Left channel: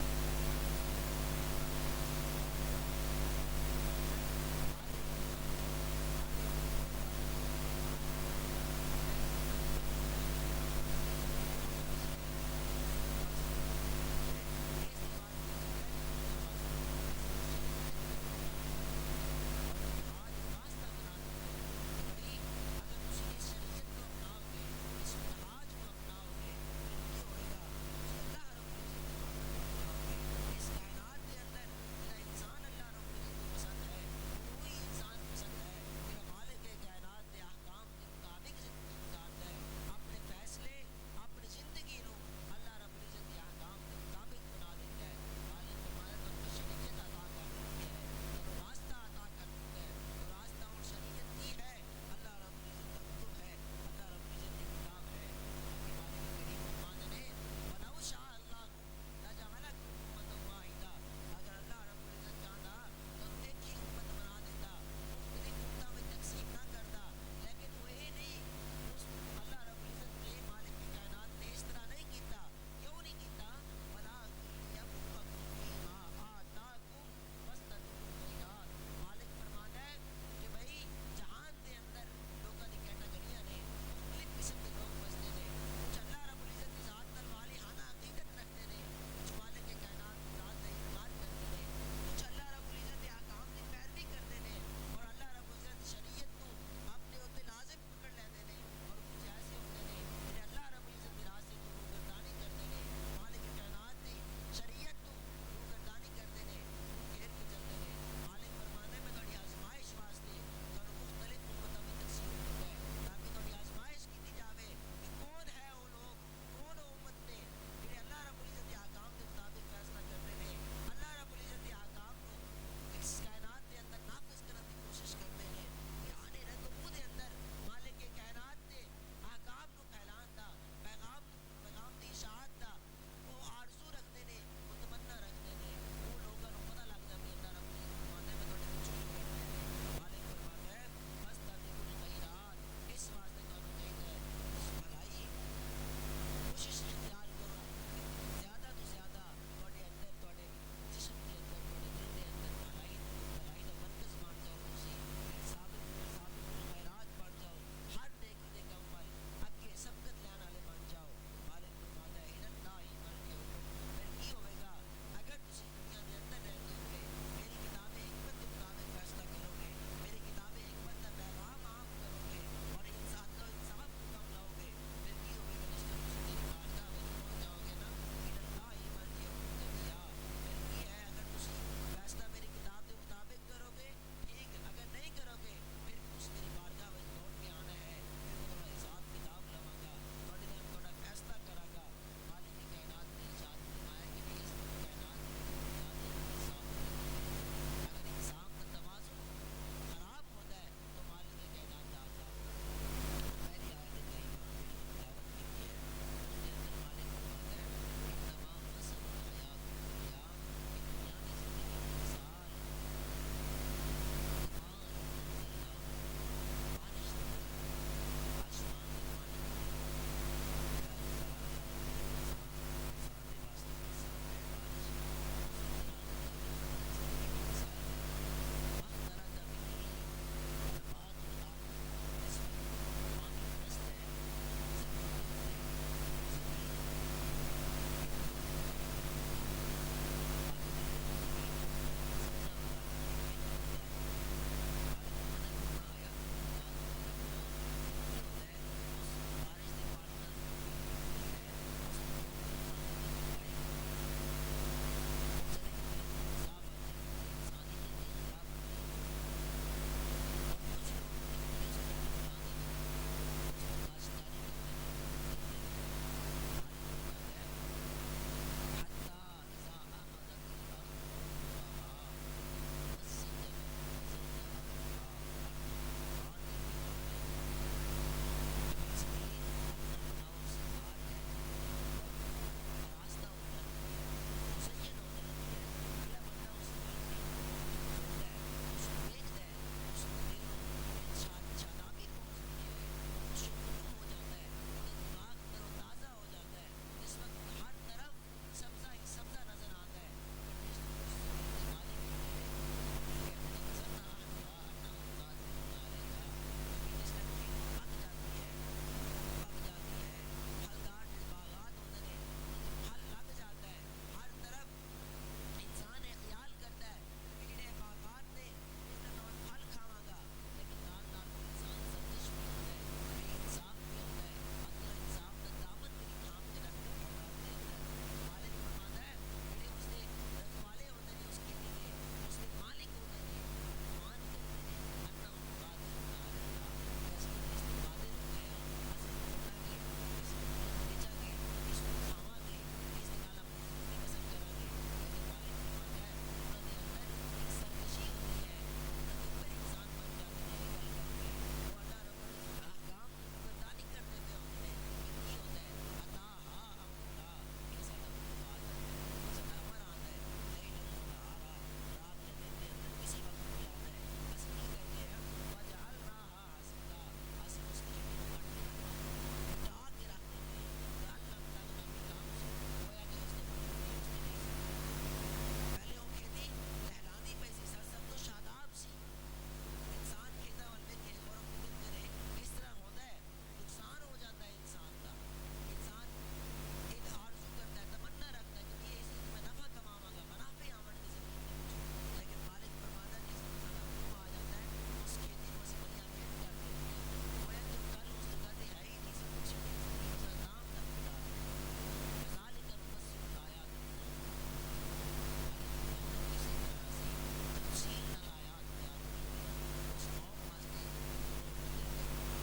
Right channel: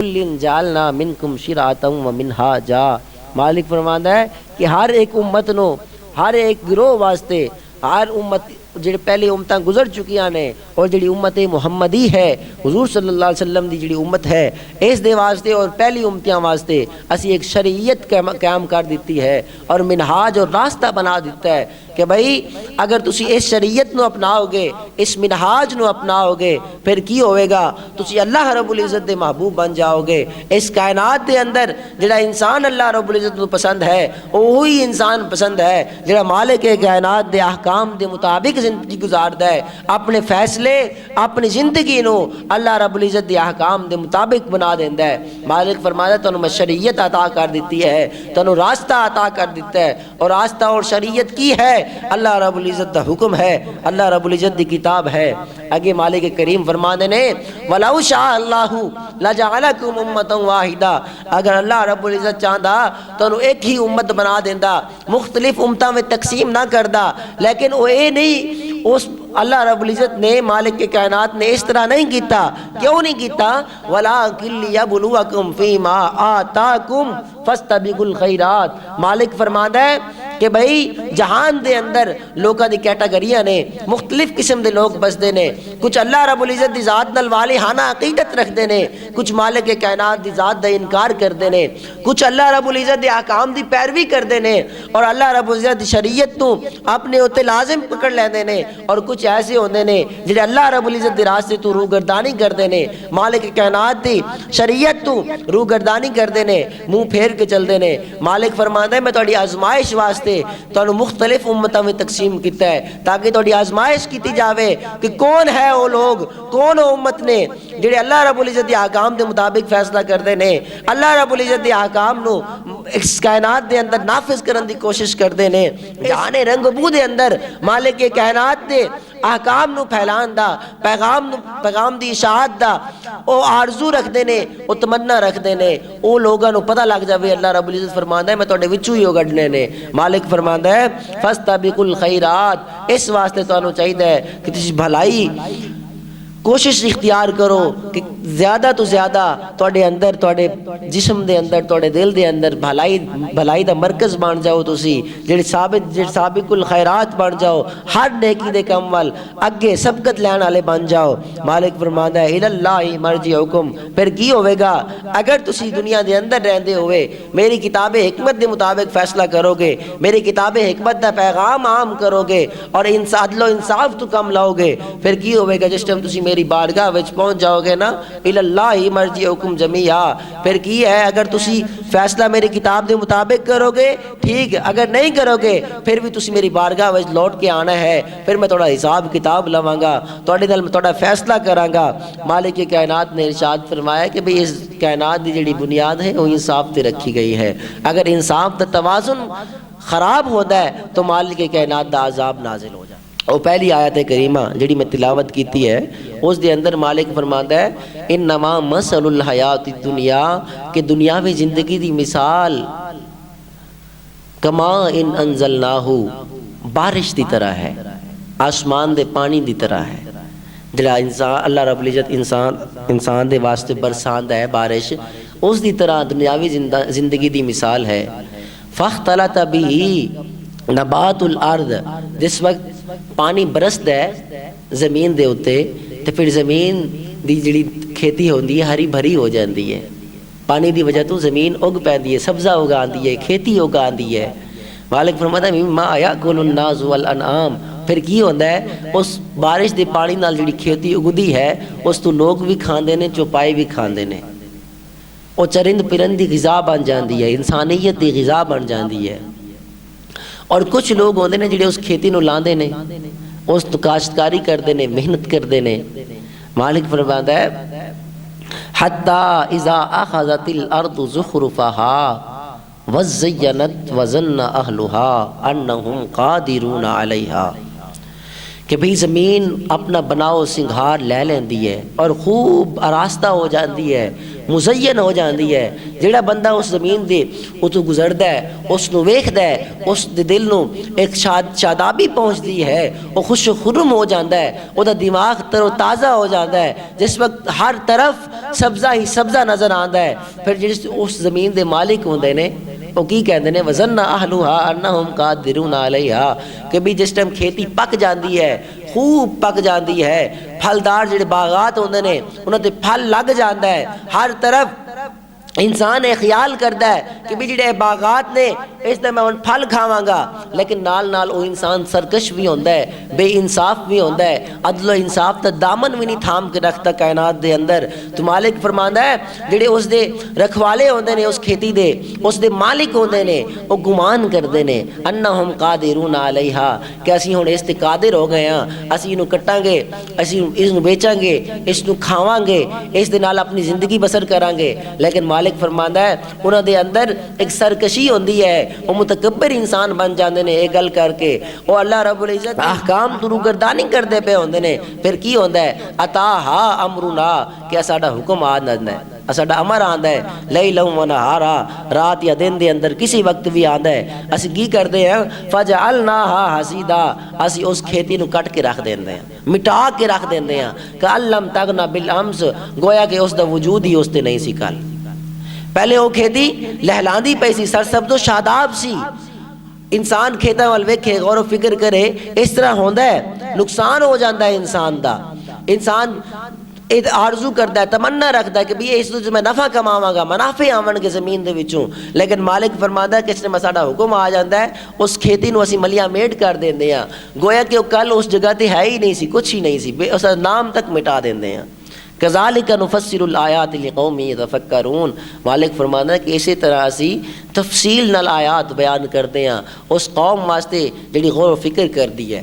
کُلٍ جعلنا منکم شرعۃ ومنہاجا۔ مالک فرماندا ہے کہ ہر ایک امت نو، ہر ایک گروہ واسطے، ہر امت جڑی پہلی امتاں گزر چکیاں نے اور جڑی امت محمدی ہے حضور صلی اللہ علیہ وسلم دی جڑی امت ہے اس دے واسطے اور پہلی امتیاں واسطے اسی ایک شریعت قائم کر دیتی ہے اور منہاج اور راستہ بنا دیتا ہے کہ بھئی اگر تسی اس شریعت نو اپناؤ گے، اس منہاج نو اپناؤ گے، پھر کی ہوئے گا؟ تسی اللہ رب العزت دے محبوب بن جاؤ گے۔ اس کائنات دے اندر جڑا انسان اللہ رب العزت نو پسند ہے وہی انسان پسند ہے جڑا مالک کائنات دے احکام دے مطابق زندگی گزاردا ہے، اپنے فیصلے اپنی زندگی نو اللہ رب العزت دے احکام دے مطابق بنا دیندا ہے۔ مالک فرماتا ہے تانوں میں شریعت عطا کر دیتی ہے، تانوں راستہ عطا کر دیتا ہے، اور راستہ اور شریعت کی ہے؟ اللہ رب العزت دا حکم ہے، اللہ رب العزت دی کتاب ہے۔ آگے مالک کریم فرماتے نے وَلَوْ شَاءَ اللَّهُ لَجَعَلَكُمْ أُمَّةً وَاحِدَةً، اگر اللہ رب العزت چاہتا تو انہوں ایک ہی امت بنا دینا، مختلف امتوں میں تقسیم نہ کردا، لیکن وہ اے نہیں، اس اللہ رب العزت نے مالک کے کائنات نے اس طرح نہیں کیتا۔ کیوں نہیں کیتا؟ وَلَٰكِن لِيَبْلُوَكُمْ فِي مَا آتَاكُمْ فَاسْتَبِقُوا الْخَيْرَاتِ۔ مالک فرماتا ہے کہ بھئی جہان دے اندر لوکاں دی کیٹاگریاں نے، مختلف قسم دے لوگ بسدے نے، کچھ اللہ رب العزت دی ذات نال والہانہ عقیدت رکھدے نے، کچھ مالک کے کائنات دی ذات دا انکار کردے نے، کچھ اللہ رب العزت دے احکام دی پیروی کردے نے اور اللہ رب العزت دی شریعت تو اپنے اوتے لازم پکڑ لیندے نے، اور کچھ ایسے ہوندے نے جڑے اللہ رب العزت دے راستے تو روگردانی کردے نے، مالک کائنات دی شریعت تو روگردانی کردے نے، منہ پھیر کے چلدے نے۔ مالک فرماندا ہے میں تہاڈی آزمائش واسطے تانوں مختلف امتاں میں تقسیم کیتا ہے تاکہ تہاڈی آزمائش کیتی جاوے کہ کون ہے وہ لوگ، کون وہ امت نے جڑے اللہ رب العزت دے احکام دے مطابق فیصلہ کردے نے، اللہ رب العزت دے احکام نو اس کائنات دے اندر نافذ کرن دی کوشش کردے نے، جہان رنگ بو دے اندر مالک کے کائنات دے احکام نو پھیلان دا، پیغام دی اشاعت دا او آرزو رکھ دے نے، او تمنا رکھ دے نے، او لوگاں نو پتہ لگ جاوے اللہ رب العزت فرماندا ہے میں تہاڈے وچوں ہی او کڈنے نے۔ مالک فرماندا ہے فاستبقوا الخیرات، اس واسطے تانوں چاہیے کہ تسی بھلائی کوشش اختیار کرو کہ زیادہ تو زیادہ تواڈے اندر، تواڈے جسم دے اندر، تواڈے دل دے اندر بھلائی دا مرکز بن جاؤ، تسی جڑے سابق الخیرات بن جاؤ، ہر نیکی دے کم وال اگے سبقت لین والے بن جاؤ۔ مالک فرماندا ہے الاللہ مرجعکم، پھر کی ہوئے گا اگر تسی دنیا دے اندر رہندے ہوئے میری کتاب حکمت دے مطابق فیصلہ کرو گے، میری کتاب حکمت دا پیغام عام کرو گے اور عدل و انصاف تو کم لاؤ گے، پھر کی ہوئے گا جس ٹائم تسی میری بارگاہ وچ پہنچ جاؤ گے نا الاللہ مرجعکم جمیعا، پھر کی ہے اگر تسی فیصلہ میری کتاب دے مطابق کرو گے ٹھیک، اگر نہیں کرو گے پھر بھی تسی میری بارگاہ وچ لوٹ کے آنا ہے، پھر میں تھوڑا حساب کتاب لواں گا، تواڈے نال میں تھوڑا فیصلہ کراں گا۔ مالک کائنات نے ارشاد فرمایا کہ بھئی اس کائنات دی جڑی بنیاد ہے وہ انصاف تے رکھی گئی ہے، اگر انصاف دا توازن خراب ہوتا ہے تو مالک کائنات دا عذاب نازل ہو جائے۔ اور پہلی آیت کریمہ جڑی میں تلاوت کیتی ہے اس دے اندر مالک فرماندا ہے انما مثل الحیات الدنیا، کہ دنیاوی زندگی دی مثال کما ان انزلناہ، بارش دی طرح ہے، آسمان دے پانی دی طرح ہے، جڑا انسان اللہ رب العزت انسان دے واسطے برساندا ہے بارش، اس دی طرح دنیاوی زندگی دی مثال ہے۔ فاختلط بہ نبات الارض، جس وقت پانی برسدا ہے زمین دے اوتے تے پھر زمین دی جڑی کھیتی ہوندی ہے ہری بھری ہو جاندی ہے، پانی دی وجہ تو زمین اگ پیندی ہے، سبزہ اگاندی ہے، کھیتی اگاندی ہے۔ مالک فرماتا ہے مما یاکل الناس والانعام، پھر کی ہوندا ہے اس بارش دے پانی نال جڑی کھیتی اگدی ہے اس تو لوگ بھی کھاندے نے، چوپائے بھی کھاندے نے، او چرند پرند دی غذا بن جاندی ہے، انسانیت دی غذا بن جاندی ہے۔ اور کچھ لوگ ہوندے نے جڑے اس کھیتی نو لاندے نے، اس تو کاشتکاری کردے نے، محنت کردے نے۔ مالک فرماتا ہے حتی اذا اخذت الارض زخرفها وزینت وظن اہلها انہم قادرون علیہا، کہ بھئی زمین اپنا بناؤ سنگھار لے لیندی ہے اور خوب آراستہ ہو جاندی ہے، مزین ہو جاندی ہے۔ جڑا بندہ اس زمین دے اتوں گزردا ہے، اس نو ویکھدا ہے، اس دے دل نو ایک شادابی پہنچدی ہے، وہ خوش و خرم ہو جاندا ہے، وہ دا دماغ تر و تازہ ہو جاندا ہے، جس وقت ہر طرف سبزہ ہی سبزہ نظر آندا ہے۔ پھر جس اس زمین دے مالک ہوندے نے وہ کی کہندے نے وَظَنَّ أَهْلُهَا أَنَّهُمْ قَادِرُونَ عَلَيْهَا، کہ بھی جس ٹائم کھیتی پک جاندی ہے، خوب پک جاندی ہے، پھلدار جڑے باغات ہوندے نے انہاں تے پھل لگ جاندا ہے، ہر طرف انسان ایک خیال کرتا ہے کہ بھی جڑے باغات نے اس نے میں پھل کھاواں گا، لیکن نال نال وہ انسان سرکش بھی ہوندہ ہے، بے انصاف بھی ہوندہ ہے، عدل و انصاف تا دامن بھی نہیں تھام کے رکھتا کائنات دے اندر۔ تو مالک فرماندا ہے جڑے اس دے رکھوالے ہوندے نے، اس کھیتی دے اس دے مالک ہوندے نے، وہ گمان کردے نے انہم قادرون علیہا، کہ اسی ہن اس تے قادر ہو گئے ہاں، اسی انہوں کٹاں گے، اسی اس نو بیچاں گے، اس نو کھاواں گے، اس دے نال اپنی زندگی بسر کران گے۔ لیکن مالک فرماندا ہے انہاں دے اندر ایک سرکشی ہوندی ہے، وہ متکبر انسان بن جاندے نے ایک گل کر کے، وہ اللہ رب العزت احکام تو روگردانی کردے پہ ہوندے نے۔ پھر کی ہوندا ہے اتاہا امرنا، کہ ساڈا حکم آ جاندا ہے، ساڈا امر آندا ہے، لیلا و نہارا، رات یا دن دے اندر کسی وقت بھی آندا ہے، اسی کی کردے ہیں فجعلناها حصیدا، اسی اس کھیتی نو کٹ کے رکھ دیندے ہیں، مٹا کے رکھ دیندے ہیں، کہ لم تغنا بالامس، گویا کہ اس دا وجود ہی اس تے نہیں سی کل۔ پہلے وہ کھیتی لہلاندی پئی سی، سرسبز و شاداب سی، انسان کھیتاں وال ویکھے غور و فکر کرے اس طرح ہوندا ہے، نقصان ہو جاندہ ہے انسان دا۔ انسان آرزو کرتا ہے، تمنا رکھتا ہے کہ بھی اس سے میں نفع کماواں گا، منافع آون گے زمین دے وچوں، لیکن مالک فرماندا ہے کہ اس نے ساڈا حکم آ جاندا ہے، اس کھیتی نو اسی ملیا میٹ کر دیندے ہیں، گویا کہ وہ کل اس جگہ تے ہے ہی نہیں سی، کچھ ہی نہیں سی، اس دا نام تک مٹا دیندے ہیں۔ کذالک نفسر الآیات لقوم یتفکرون، مالک فرمانا ہے کہ اسی طرح اسی تفصیل نال آیات بیان کرتے ہیں اس قوم واسطے جڑی غور و فکر کر دی ہے۔